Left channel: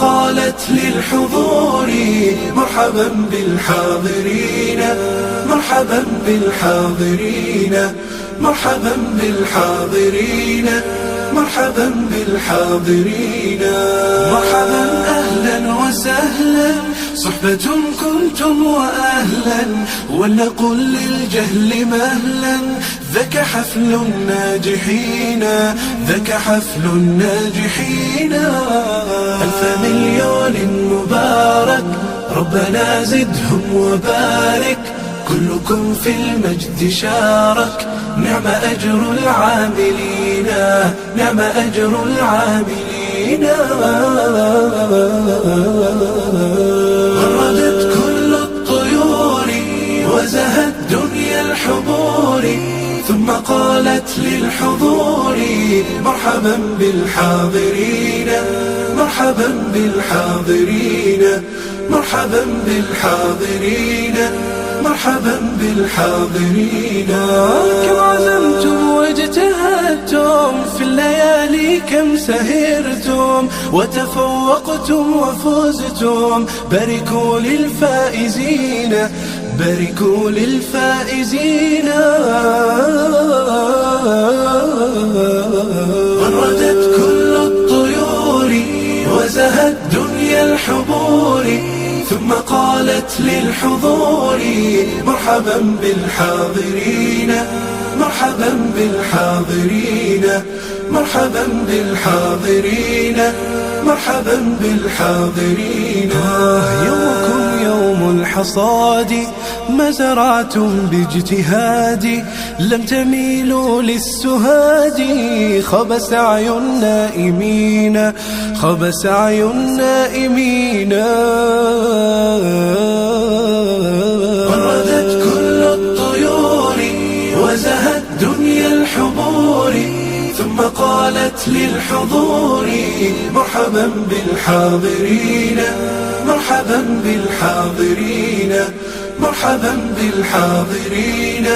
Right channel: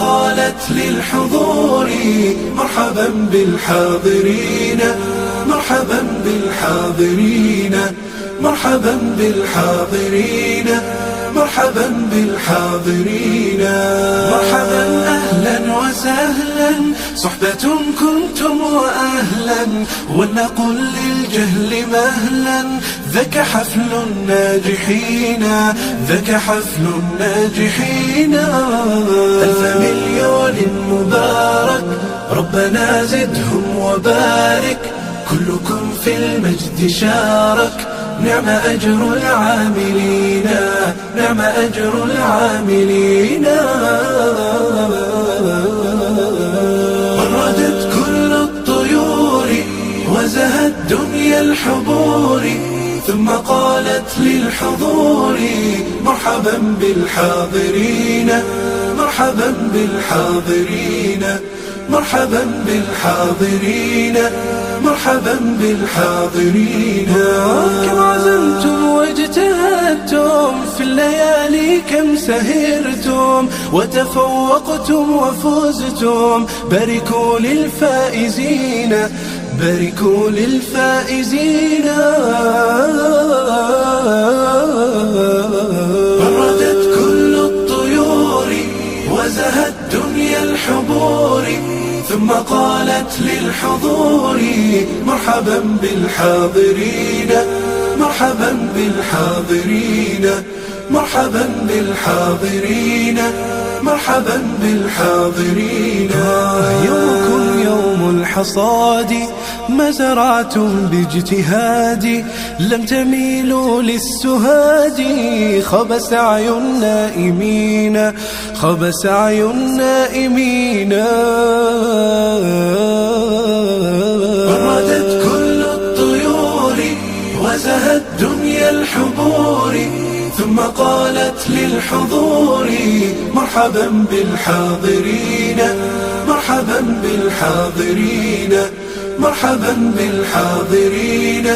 قالت للحضور مرحبا بالحاضرين، مرحبا بالحاضرين، مرحبا بالحاضرين، مرحبا بالحاضرين. مرحبا أهلا وسهلا صحبة كنتم وأهلا، ولنقل للجهل مهلا ذاك حفل الناجحين، ذاك حفل الناجحين. ألف مليون مبارك ربنا زدهم وبارك، كلكم في المجد شارك، نعم أجر العاملين، نعم أجر العاملين. وردت كل الطيور وزهت دنيا الحبور، ثم قالت للحضور مرحبا بالحاضرين، مرحبا بالحاضرين، مرحبا بالحاضرين، مرحبا بالحاضرين. كم عزمتم واجتهدتم في الليالي، كم سهرتم وتفوقتم وفزتم، باركوا للفائزين، باركوا للفائزين. وردت كل الطيور وزهت دنيا الحبور، ثم قالت للحضور مرحبا بالحاضرين، مرحبا بالحاضرين، مرحبا بالحاضرين، مرحبا بالحاضرين. يومكم يوم الحصاد، ما زرعتم باجتهاد، لم تميلوا للسهاد، خاب سعي النائمين، خاب سعي النائمين. وردت كل الطيور وزهت دنيا الحبور، ثم قالت للحضور مرحبا بالحاضرين، مرحبا بالحاضرين، مرحبا بالحاضرين،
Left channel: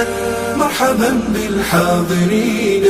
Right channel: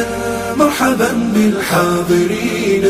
مرحبا بالحاضرين.